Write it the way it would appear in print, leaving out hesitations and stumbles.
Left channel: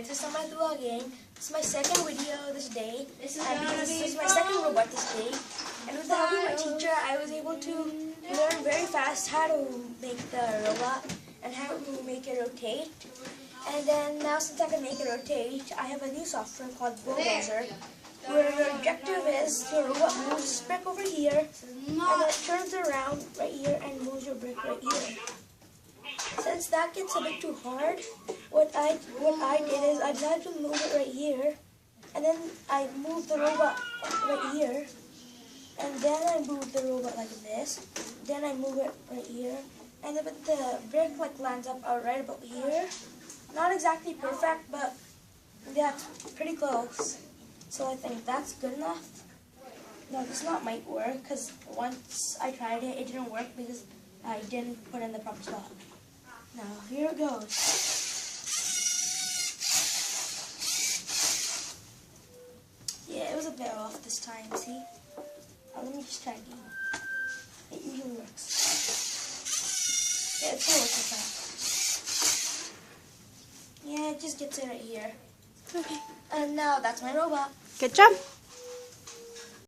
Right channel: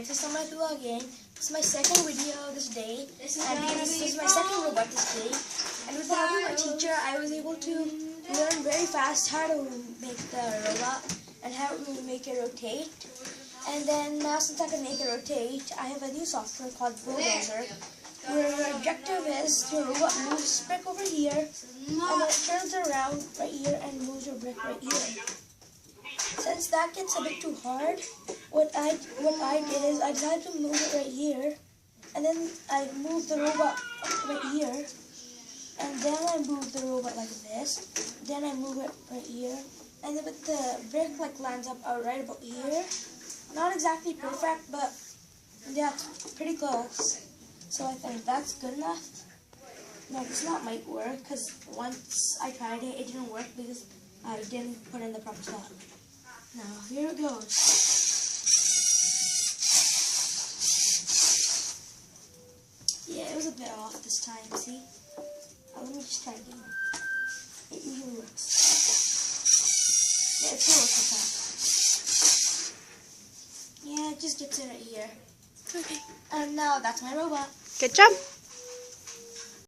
guys, this is Samrath Dua again. This is my second video this day, and this is my second robot this day. And with the help of my teacher, I was able to learn very fast how to make the robot and how to make it rotate. And then now, since I can make it rotate, I have a new software called Bulldozer, where the objective is the robot moves this brick over here, and it turns around right here and moves your brick right here. Since that gets a bit too hard, what I did is I tried to move it right here, and then I moved the robot right here, and then I moved the robot like this, then I move it right here, and then the brick like lands up right about here. Not exactly perfect, but yeah, pretty close. So I think that's good enough. No, this not might work, because once I tried it, it didn't work because I didn't put in the proper stuff. Now, here it goes. Yeah, it was a bit off this time, see? Let me just try it again. It usually works. Yeah, it's close this time. Yeah, it just gets in right here. Okay. And now, that's my robot. Good job.